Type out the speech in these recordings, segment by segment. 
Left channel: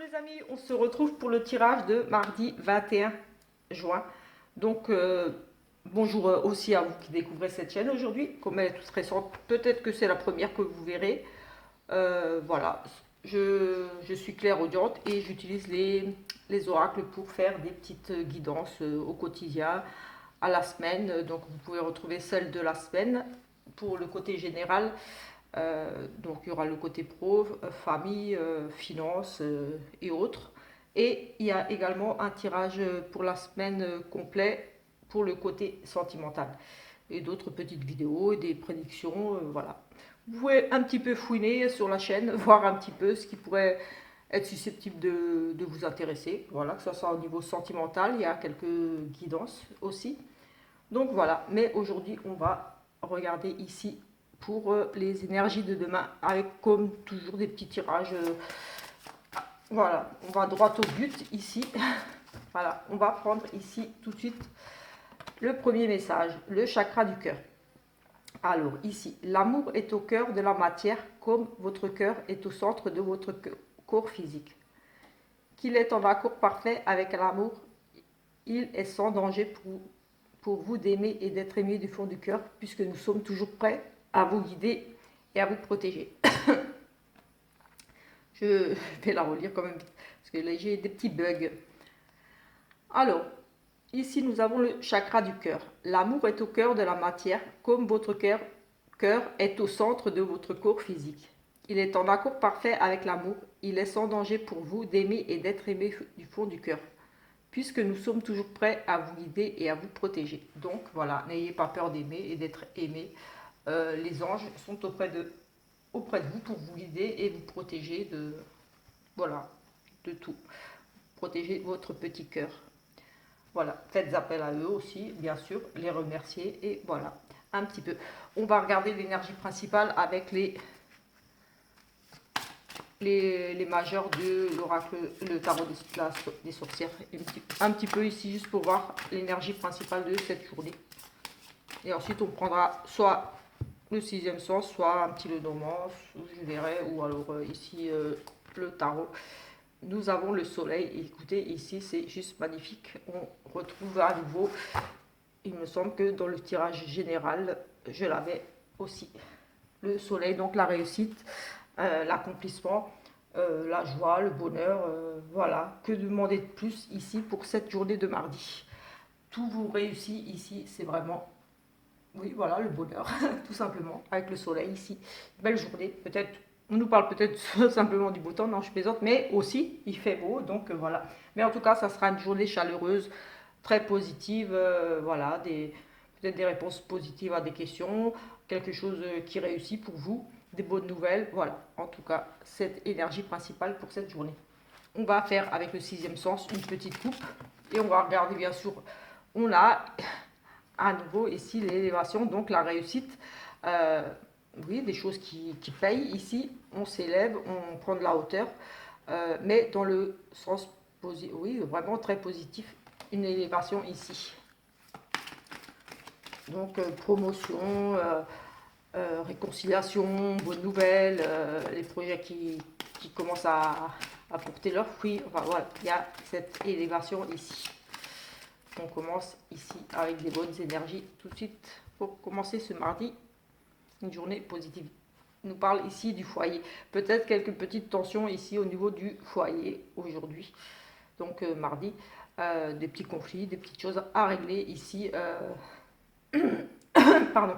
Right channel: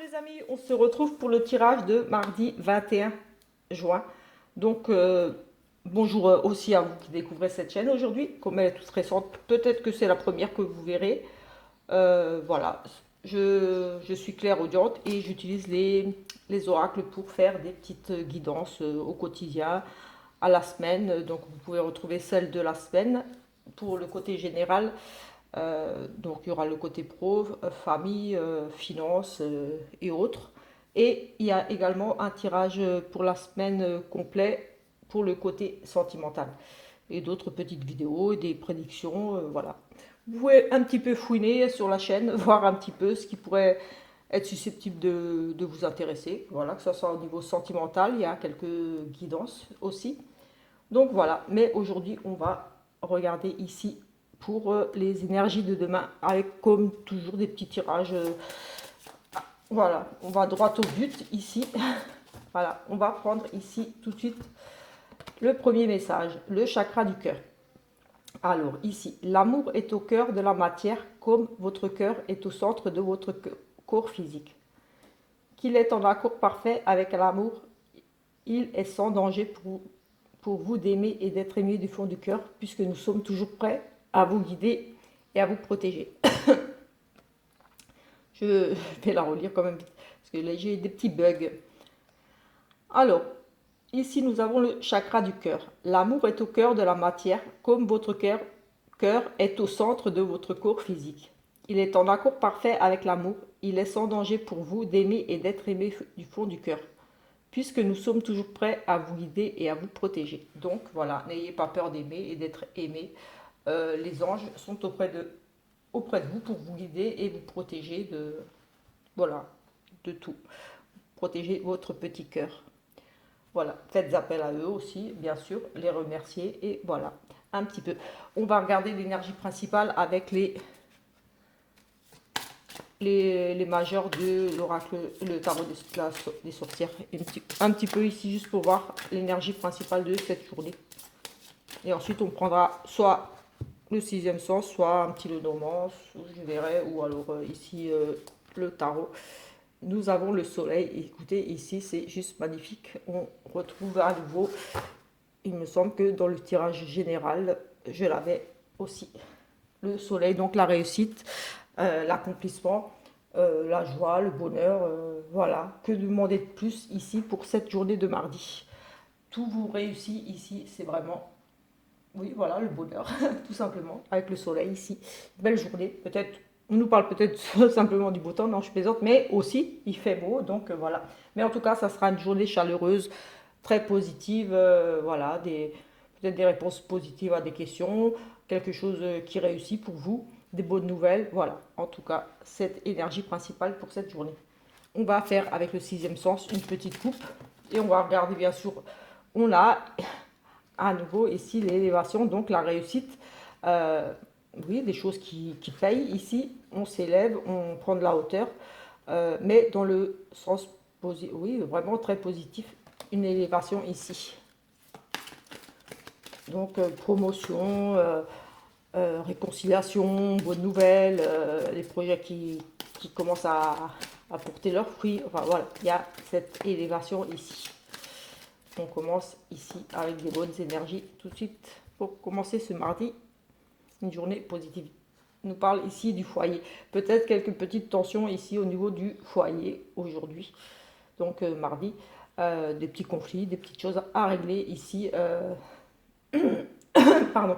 Les amis, on se retrouve pour le tirage de mardi 21 juin. Donc, bonjour aussi à vous qui découvrez cette chaîne aujourd'hui. Comme elle est toute récente, peut-être que c'est la première que vous verrez. Voilà, je suis clairaudiente et j'utilise les oracles pour faire des petites guidances au quotidien, à la semaine. Donc, vous pouvez retrouver celle de la semaine pour le côté général. Donc il y aura le côté pro, famille, finances et autres. Et il y a également un tirage pour la semaine complet pour le côté sentimental. Et d'autres petites vidéos et des prédictions, voilà. Vous pouvez un petit peu fouiner sur la chaîne, voir un petit peu ce qui pourrait être susceptible de vous intéresser. Voilà, que ce soit au niveau sentimental, il y a quelques guidances aussi. Donc voilà, mais aujourd'hui on va regarder ici pour les énergies de demain avec comme toujours des petits tirages. Voilà, on va droit au but ici. Voilà, on va prendre ici tout de suite le premier message, le chakra du cœur. Alors ici, l'amour est au cœur de la matière comme votre cœur est au centre de votre corps physique. Qu'il est en accord parfait avec l'amour, il est sans danger pour vous d'aimer et d'être aimé du fond du cœur, puisque nous sommes toujours prêts à vous guider et à vous protéger. Je vais la relire quand même, parce que là j'ai des petits bugs. Alors, ici nous avons le chakra du cœur. L'amour est au cœur de la matière, comme votre cœur est au centre de votre corps physique. Il est en accord parfait avec l'amour. Il est sans danger pour vous d'aimer et d'être aimé du fond du cœur, puisque nous sommes toujours prêts à vous guider et à vous protéger. Donc voilà, n'ayez pas peur d'aimer et d'être aimé. Les anges sont auprès de vous pour vous guider et vous protéger voilà, de tout. Protéger votre petit cœur. Voilà, faites appel à eux aussi, bien sûr, les remercier et voilà, un petit peu. On va regarder l'énergie principale avec les majeurs de l'oracle, le tarot des sorcières. Un petit peu ici, juste pour voir l'énergie principale de cette journée. Et ensuite, on prendra soit le sixième sens, soit un petit Lenormand, je verrai, ou alors ici le tarot. Nous avons le soleil. Écoutez, ici, c'est juste magnifique. On retrouve à nouveau, il me semble que dans le tirage général, je l'avais aussi. Le soleil, donc la réussite, l'accomplissement, la joie, le bonheur, voilà. Que demander de plus ici pour cette journée de mardi? Tout vous réussit ici, c'est vraiment, oui, voilà, le bonheur, tout simplement, avec le soleil ici. Belle journée, peut-être, on nous parle peut-être simplement du beau temps, non, je plaisante, mais aussi, il fait beau, donc voilà. Mais en tout cas, ça sera une journée chaleureuse, très positive, voilà, peut-être des réponses positives à des questions, quelque chose qui réussit pour vous, des bonnes nouvelles, voilà. En tout cas, cette énergie principale pour cette journée. On va faire avec le sixième sens une petite coupe et on va regarder bien sûr, on a à nouveau ici l'élévation, donc la réussite. Euh, oui, des choses qui payent ici, on s'élève, on prend de la hauteur, mais dans le sens positif, oui, vraiment très positif, une élévation ici. Donc promotion, réconciliation, bonnes nouvelles, les projets qui commencent à porter leurs fruits. Enfin voilà, il y a cette élévation ici. On commence ici avec des bonnes énergies tout de suite pour commencer ce mardi, une journée positive. On nous parle ici du foyer. Peut-être quelques petites tensions ici au niveau du foyer aujourd'hui. Donc mardi, des petits conflits, des petites choses à régler ici. Pardon.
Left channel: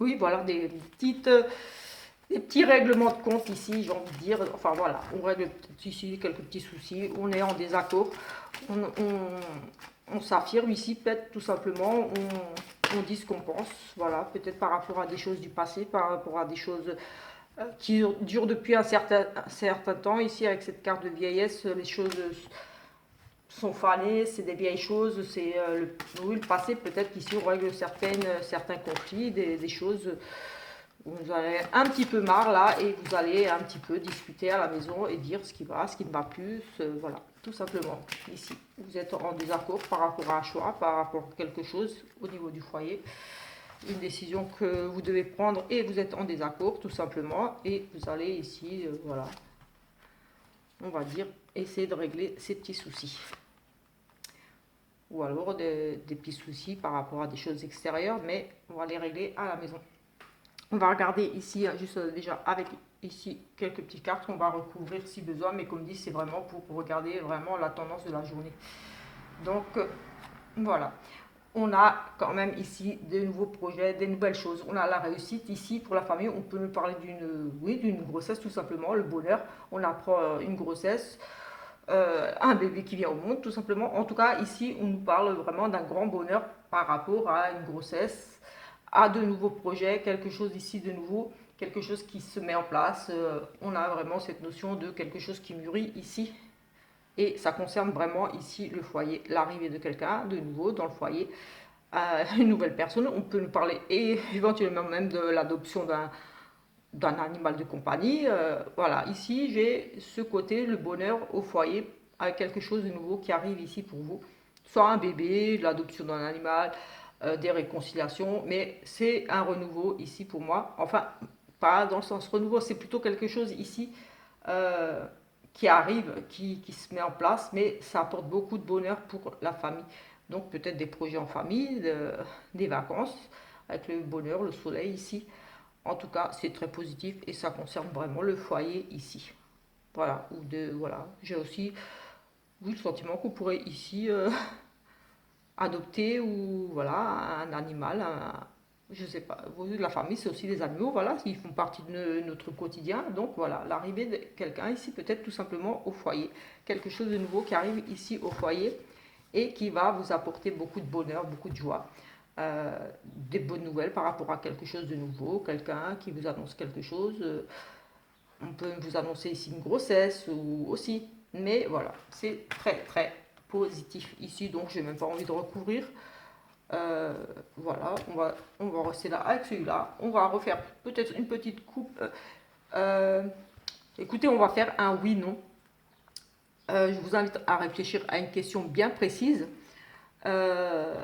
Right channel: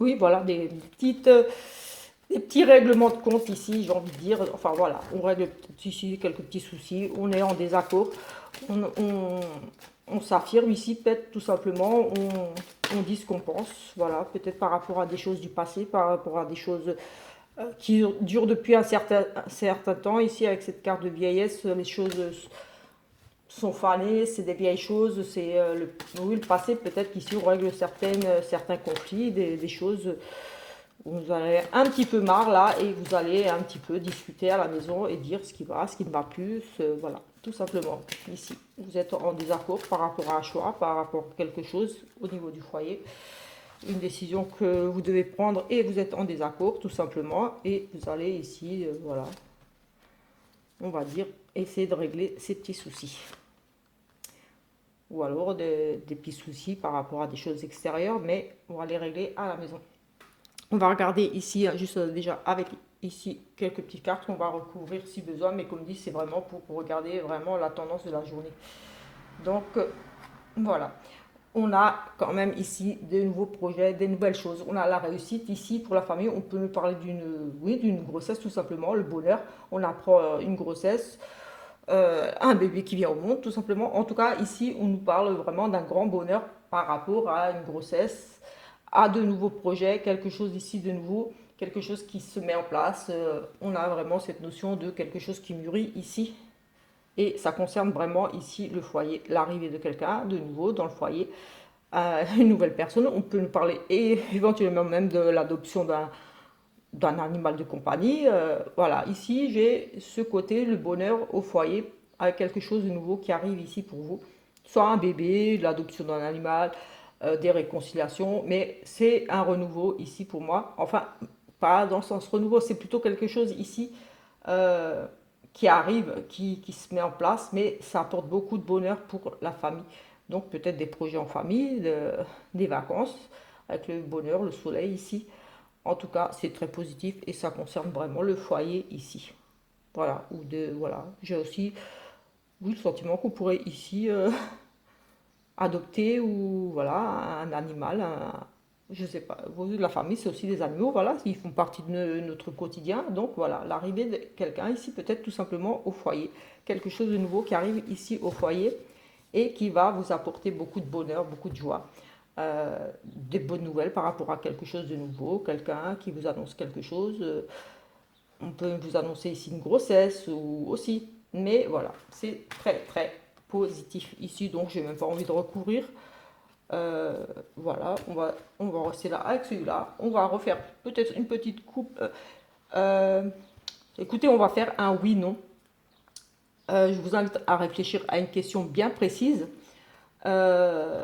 Oui, voilà, des petits règlements de compte ici, j'ai envie de dire. Enfin voilà, on règle ici quelques petits soucis, on est en désaccord, on s'affirme ici, peut-être tout simplement, on dit ce qu'on pense, voilà, peut-être par rapport à des choses du passé, par rapport à des choses qui durent depuis un certain temps. Ici, avec cette carte de vieillesse, les choses sont fanées, c'est des vieilles choses, c'est oui, le passé, peut-être qu'ici on règle certains conflits, des choses où vous avez un petit peu marre là et vous allez un petit peu discuter à la maison et dire ce qui va, ce qui ne va plus, voilà, tout simplement. Ici, vous êtes en désaccord par rapport à un choix, par rapport à quelque chose au niveau du foyer, une décision que vous devez prendre et vous êtes en désaccord tout simplement et vous allez ici, voilà, on va dire, essayer de régler ces petits soucis. Ou alors des petits soucis par rapport à des choses extérieures, mais on va les régler à la maison. On va regarder ici, juste déjà avec ici quelques petites cartes, on va recouvrir si besoin, mais comme dit, c'est vraiment pour regarder vraiment la tendance de la journée. Donc voilà, on a quand même ici de nouveaux projets, des nouvelles choses. On a la réussite ici pour la famille. On peut nous parler d'une grossesse tout simplement, le bonheur. On apprend une grossesse, un bébé qui vient au monde tout simplement. En tout cas, ici, on nous parle vraiment d'un grand bonheur par rapport à une grossesse, à de nouveaux projets, quelque chose ici de nouveau, quelque chose qui se met en place. On a vraiment cette notion de quelque chose qui mûrit ici. Et ça concerne vraiment ici le foyer, l'arrivée de quelqu'un de nouveau dans le foyer, une nouvelle personne. On peut nous parler et éventuellement même de l'adoption d'un animal de compagnie. Voilà, ici j'ai ce côté, le bonheur au foyer, avec quelque chose de nouveau qui arrive ici pour vous. Soit un bébé, l'adoption d'un animal, des réconciliations, mais c'est un renouveau ici pour moi. Enfin, pas dans le sens renouveau, c'est plutôt quelque chose ici euh, qui arrive, qui se met en place, mais ça apporte beaucoup de bonheur pour la famille. Donc peut-être des projets en famille, des vacances, avec le bonheur, le soleil ici. En tout cas, c'est très positif et ça concerne vraiment le foyer ici. Voilà, voilà. J'ai aussi oui, le sentiment qu'on pourrait ici adopter ou voilà un animal, je sais pas. La famille, c'est aussi des animaux, voilà, ils font partie de notre quotidien. Donc voilà, l'arrivée de quelqu'un ici peut-être tout simplement au foyer, quelque chose de nouveau qui arrive ici au foyer et qui va vous apporter beaucoup de bonheur, beaucoup de joie. Des bonnes nouvelles par rapport à quelque chose de nouveau, quelqu'un qui vous annonce quelque chose. On peut vous annoncer ici une grossesse ou aussi. Mais voilà, c'est très très positif ici, donc j'ai même pas envie de recouvrir. Voilà, on va rester là avec celui-là. On va refaire peut-être une petite coupe. Euh, Écoutez, on va faire un oui-non. Je vous invite à réfléchir à une question bien précise euh,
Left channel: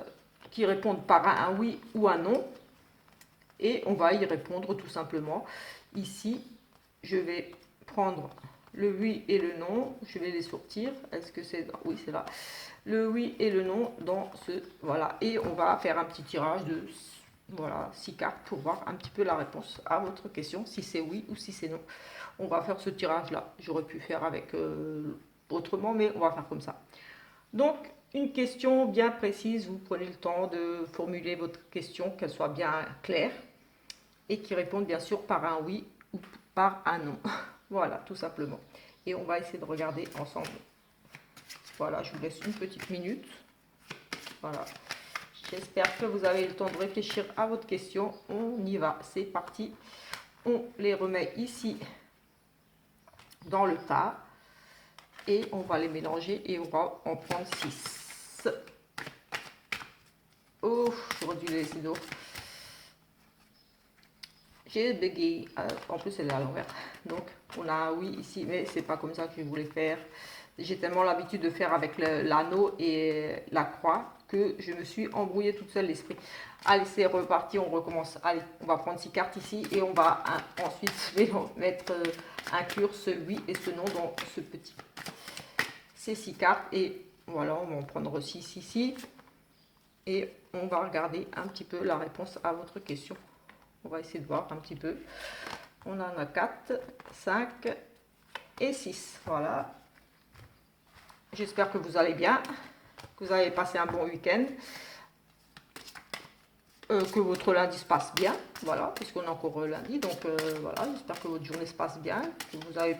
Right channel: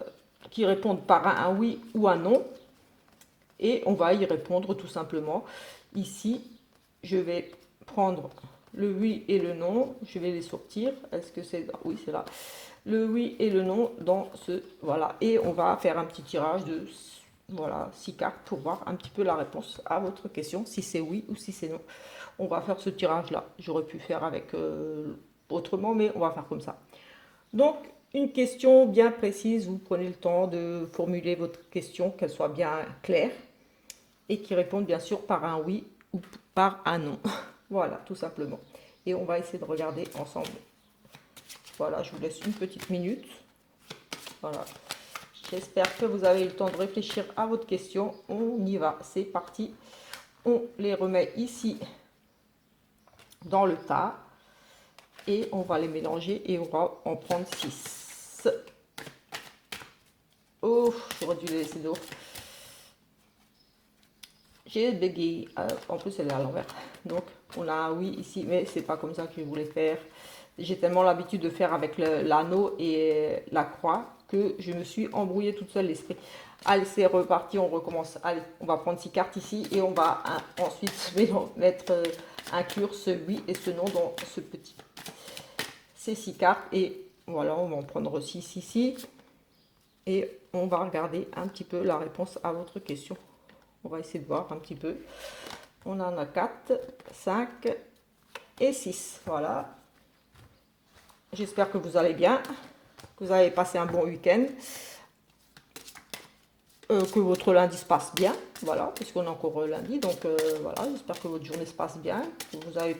qui répondent par un oui ou un non. Et on va y répondre tout simplement. Ici, je vais prendre le oui et le non. Je vais les sortir. Est-ce que c'est... Oui, c'est là. Le oui et le non dans ce... Voilà. Et on va faire un petit tirage de... Voilà, 6 cartes pour voir un petit peu la réponse à votre question, si c'est oui ou si c'est non. On va faire ce tirage-là. J'aurais pu faire avec autrement, mais on va faire comme ça. Donc, une question bien précise, vous prenez le temps de formuler votre question, qu'elle soit bien claire et qui réponde bien sûr par un oui ou par un non. Voilà, tout simplement. Et on va essayer de regarder ensemble. Voilà, je vous laisse une petite minute. Voilà. J'espère que vous avez eu le temps de réfléchir à votre question. On y va, c'est parti. On les remet ici dans le tas et on va les mélanger et on va en prendre 6. Oh, j'aurais dû les laisser d'eau. J'ai bégayé. En plus, elle est à l'envers. Donc, on a un oui ici, mais c'est pas comme ça que je voulais faire. J'ai tellement l'habitude de faire avec l'anneau et la croix que je me suis embrouillée toute seule l'esprit. Allez, c'est reparti, on recommence. Allez, on va prendre 6 cartes ici et on va ensuite mettre, inclure ce oui et ce non dans ce petit. Ces 6 cartes et voilà, on va en prendre 6 ici et on va regarder un petit peu la réponse à votre question. On va essayer de voir un petit peu. On en a 4, 5 et 6. Voilà. J'espère que vous allez bien, que vous avez passé un bon week-end, que votre lundi se passe bien. Voilà, puisqu'on est encore lundi. Donc voilà, j'espère que votre journée se passe bien, que vous avez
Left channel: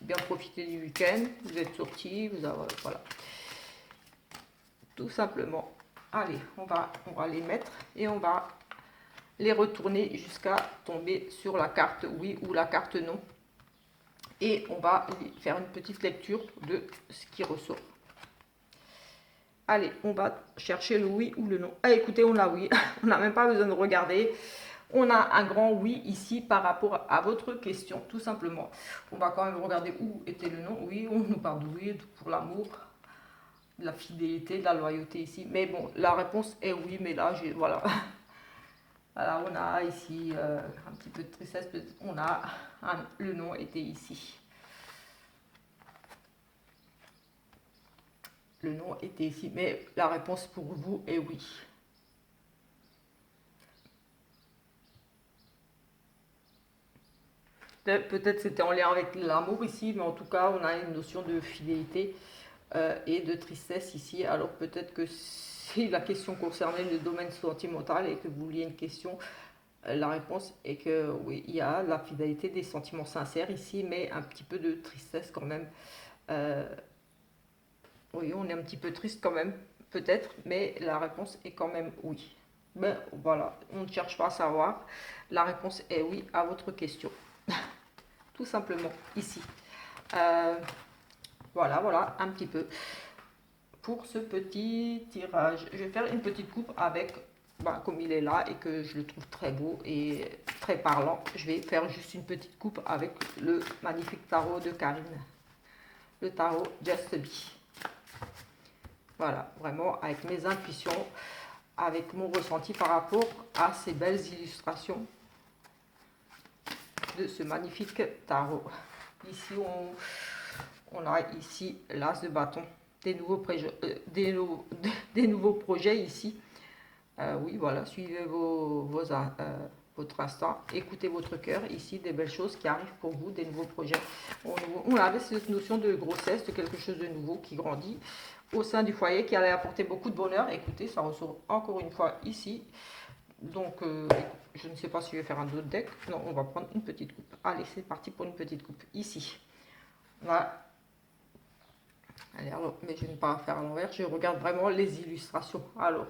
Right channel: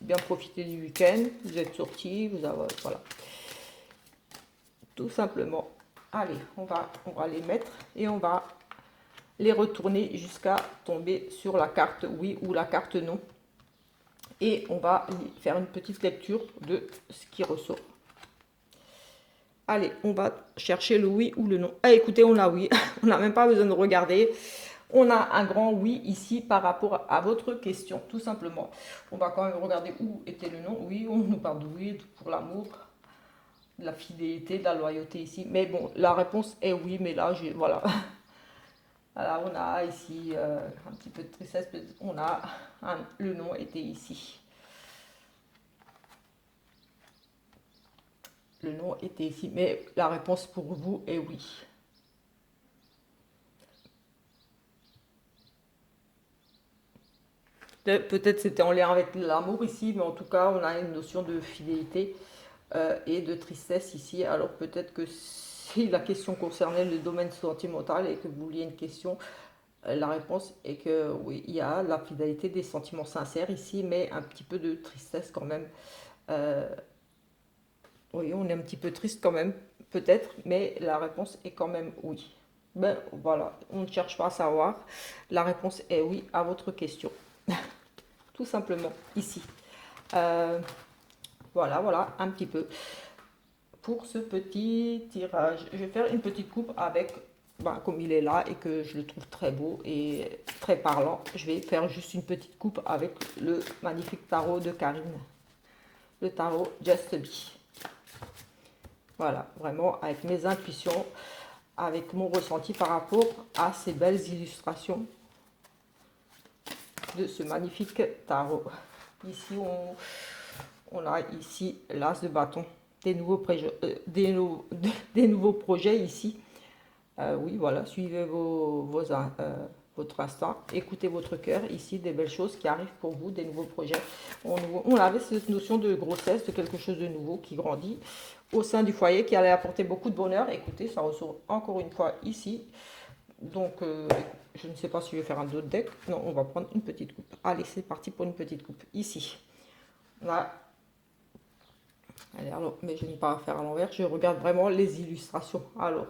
bien profité du week-end, vous êtes sortis, vous avez, voilà. Tout simplement. Allez, on va les mettre et on va les retourner jusqu'à tomber sur la carte oui ou la carte non. Et on va faire une petite lecture de ce qui ressort. Allez, on va chercher le oui ou le non. Ah, écoutez, on a oui. On n'a même pas besoin de regarder. On a un grand oui ici par rapport à votre question, tout simplement. On va quand même regarder où était le non. Oui, on nous parle de oui pour l'amour, de la fidélité, de la loyauté ici. Mais bon, la réponse est oui, mais là, voilà. Voilà, on a ici un petit peu de tristesse, on a le nom était ici. le nom était ici. Mais la réponse pour vous est oui. Peut-être c'était en lien avec l'amour ici, mais en tout cas, on a une notion de fidélité et de tristesse ici. Alors peut-être que si la question concernait le domaine sentimental et que vous vouliez une question, la réponse est que oui, il y a la fidélité, des sentiments sincères ici, mais un petit peu de tristesse quand même. Euh, oui, on est un petit peu triste quand même, peut-être, mais la réponse est quand même oui. Mais voilà, on ne cherche pas à savoir. La réponse est oui à votre question. Tout simplement, ici. Euh, voilà, un petit peu pour ce petit tirage. Je vais faire une petite coupe avec, comme il est là et que je le trouve très beau et très parlant, je vais faire juste une petite coupe avec le magnifique tarot de Karine. Le tarot Just Be. Voilà, vraiment avec mes intuitions, avec mon ressenti par rapport à ces belles illustrations de ce magnifique tarot. Ici, on a ici l'as de bâton, des nouveaux, des nouveaux projets ici. Oui, voilà, suivez votre instinct, écoutez votre cœur. Ici, des belles choses qui arrivent pour vous, des nouveaux projets. On avait cette notion de grossesse, de quelque chose de nouveau qui grandit au sein du foyer, qui allait apporter beaucoup de bonheur. Écoutez, ça ressort encore une fois ici. Donc, je ne sais pas si je vais faire un autre deck. Non, on va prendre une petite coupe. Allez, c'est parti pour une petite coupe. Ici. Voilà. Allez, alors, mais je ne vais pas faire à l'envers. Je regarde vraiment les illustrations. Alors,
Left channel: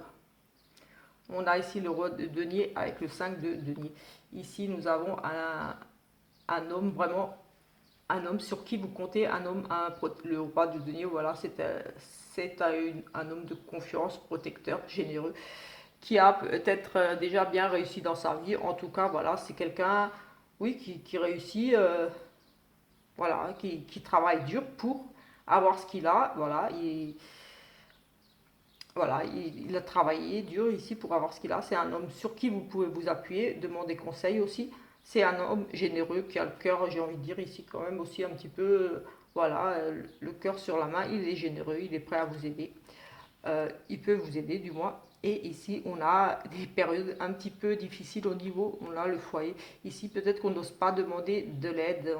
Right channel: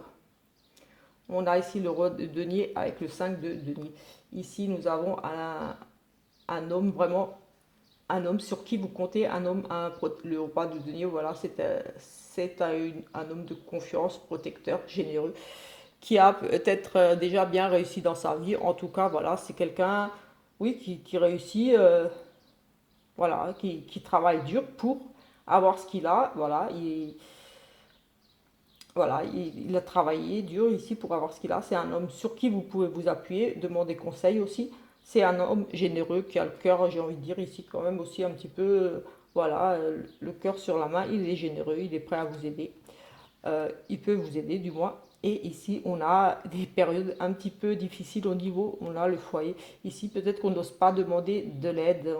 on a ici le roi de denier avec le 5 de denier. Ici, nous avons un homme vraiment, un homme sur qui vous comptez, un homme, le roi de denier, voilà, c'est un homme de confiance, protecteur, généreux, qui a peut-être déjà bien réussi dans sa vie. En tout cas, voilà, c'est quelqu'un, oui, qui réussit, voilà, qui travaille dur pour avoir ce qu'il a, voilà, voilà, il a travaillé dur ici pour avoir ce qu'il a. C'est un homme sur qui vous pouvez vous appuyer, demander conseil aussi. C'est un homme généreux qui a le cœur, j'ai envie de dire ici quand même aussi un petit peu, voilà, le cœur sur la main. Il est généreux, il est prêt à vous aider. Il peut vous aider du moins. Et ici, on a des périodes un petit peu difficiles au niveau, on a le foyer. Ici, peut-être qu'on n'ose pas demander de l'aide.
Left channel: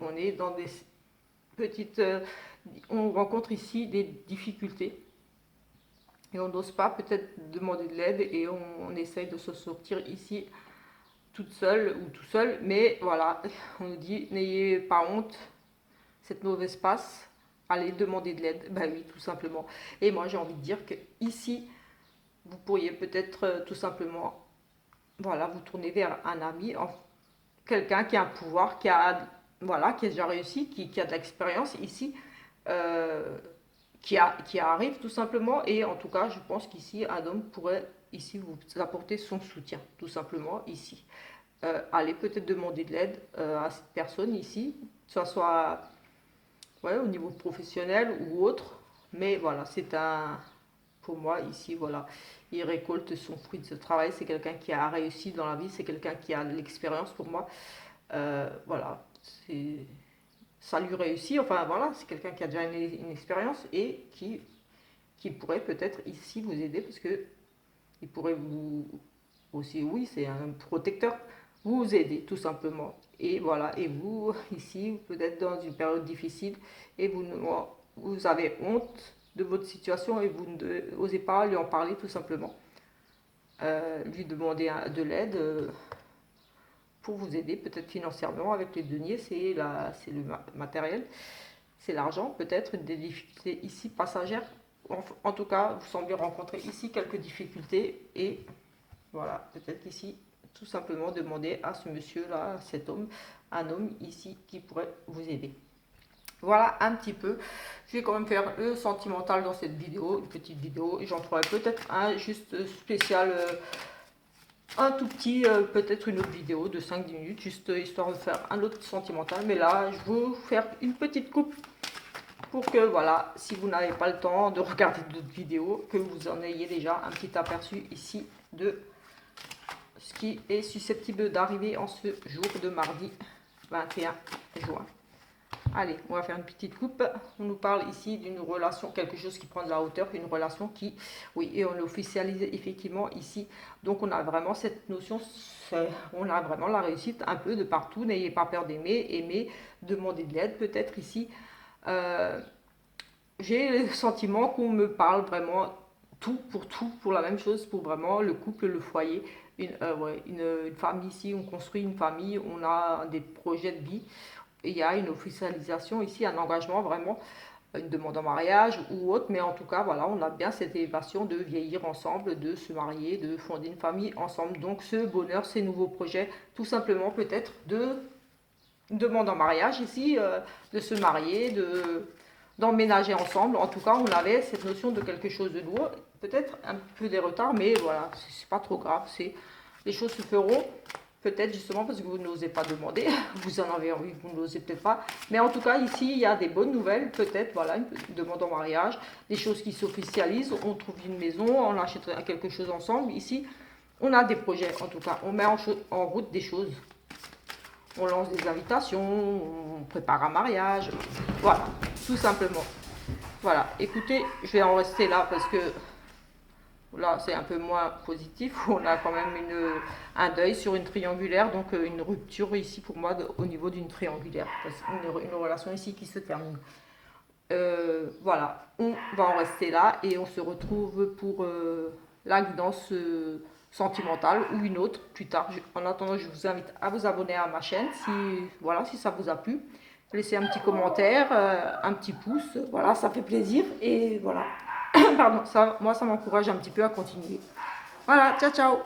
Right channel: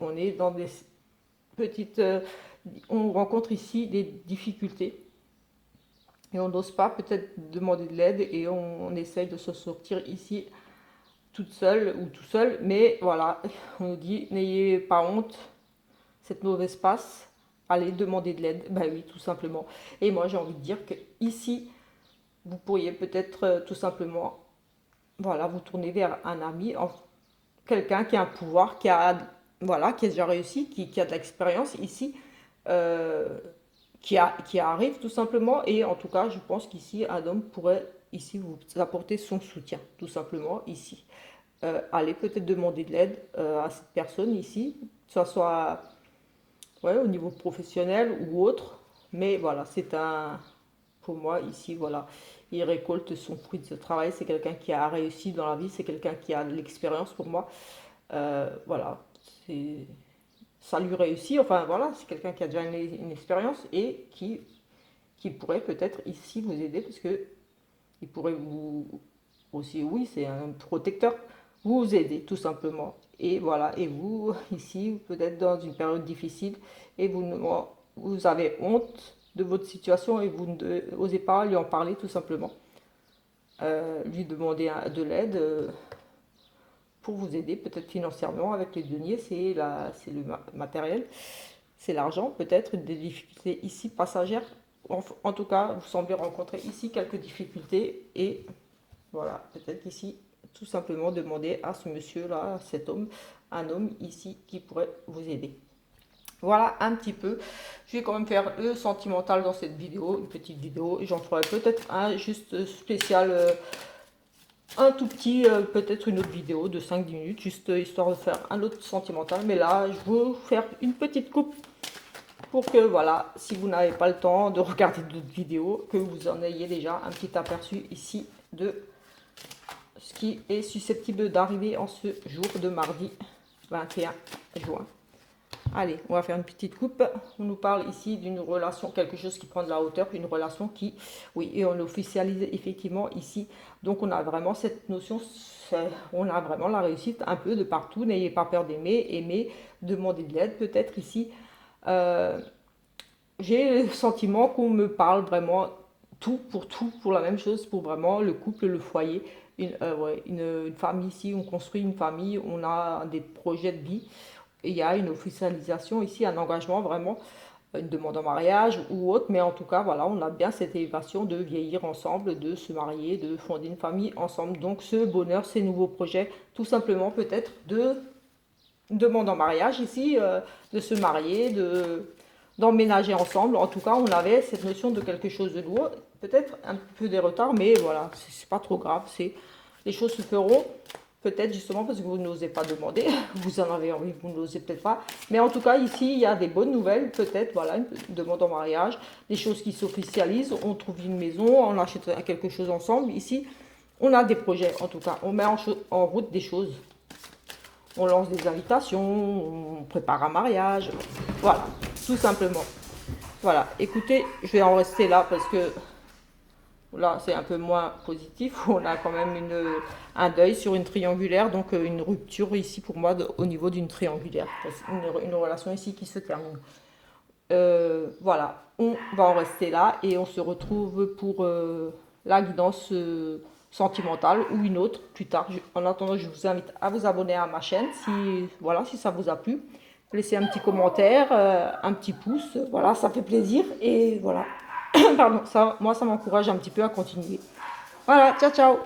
On est dans des petites, on rencontre ici des difficultés et on n'ose pas peut-être demander de l'aide et on essaye de se sortir ici toute seule ou tout seul, mais voilà, on nous dit n'ayez pas honte, cette mauvaise passe, allez demander de l'aide, ben oui, tout simplement. Et moi j'ai envie de dire que ici, vous pourriez peut-être tout simplement, voilà, vous tourner vers un ami, quelqu'un qui a un pouvoir, voilà, qui a déjà réussi, qui a de l'expérience ici, euh, qui arrive tout simplement. Et en tout cas, je pense qu'ici, un homme pourrait ici vous apporter son soutien, tout simplement ici. Allez peut-être demander de l'aide à cette personne ici, que ce soit ouais, au niveau professionnel ou autre. Mais voilà, pour moi ici, voilà, il récolte son fruit de ce travail. C'est quelqu'un qui a réussi dans la vie, c'est quelqu'un qui a de l'expérience pour moi. Voilà, c'est ça lui réussit. Enfin voilà, c'est quelqu'un qui a déjà une expérience et qui pourrait peut-être ici vous aider parce que il pourrait vous aussi, oui, c'est un protecteur, vous aider tout simplement. Et voilà, et vous ici, peut-être dans une période difficile et vous avez honte de votre situation et vous n'osez pas lui en parler tout simplement. Lui demander de l'aide pour vous aider, peut-être financièrement avec les deniers, c'est le matériel, c'est l'argent, peut-être des difficultés ici passagères. En tout cas, vous semblez rencontrer ici quelques difficultés et voilà, peut-être ici, tout simplement demander à ce monsieur-là, à cet homme, un homme ici qui pourrait vous aider. Voilà un petit peu. Je vais quand même faire le sentimental dans cette vidéo, une petite vidéo. Et j'en ferai peut-être un juste spécial, un tout petit, peut-être une autre vidéo de 5-10 minutes, juste histoire de faire un autre sentimental. Mais là, je vais vous faire une petite coupe pour que, voilà, si vous n'avez pas le temps de regarder d'autres vidéos, que vous en ayez déjà un petit aperçu ici de ce qui est susceptible d'arriver en ce jour de mardi 21 juin. Allez, on va faire une petite coupe. On nous parle ici d'une relation, quelque chose qui prend de la hauteur, une relation qui, oui, et on l'officialise effectivement ici. Donc on a vraiment cette notion, on a vraiment la réussite un peu de partout. N'ayez pas peur d'aimer, aimer, demander de l'aide peut-être ici. Euh, j'ai le sentiment qu'on me parle vraiment tout, pour la même chose, pour vraiment le couple, le foyer. Ouais, une famille ici, on construit une famille, on a des projets de vie. Et il y a une officialisation ici, un engagement vraiment, une demande en mariage ou autre, mais en tout cas, voilà, on a bien cette élévation de vieillir ensemble, de se marier, de fonder une famille ensemble. Donc ce bonheur, ces nouveaux projets, tout simplement peut-être de demande en mariage ici, de se marier, d'emménager ensemble. En tout cas, on avait cette notion de quelque chose de lourd, peut-être un peu des retards, mais voilà, c'est pas trop grave. C'est les choses se feront. Peut-être justement parce que vous n'osez pas demander, vous en avez envie, vous n'osez peut-être pas. Mais en tout cas, ici, il y a des bonnes nouvelles, peut-être, voilà, une demande en mariage, des choses qui s'officialisent, on trouve une maison, on achète quelque chose ensemble. Ici, on a des projets, en tout cas, on met en route des choses. On lance des invitations, on prépare un mariage, voilà, tout simplement. Voilà, écoutez, je vais en rester là parce que là, c'est un peu moins positif. On a quand même un deuil sur une triangulaire, donc une rupture ici pour moi au niveau d'une triangulaire. Une relation ici qui se termine. Voilà, on va en rester là et on se retrouve pour la guidance sentimentale ou une autre plus tard. En attendant, je vous invite à vous abonner à ma chaîne si, voilà, si ça vous a plu. Laissez un petit commentaire, un petit pouce, voilà, ça fait plaisir et voilà. Pardon, ça, moi ça m'encourage un petit peu à continuer. Voilà, ciao ciao.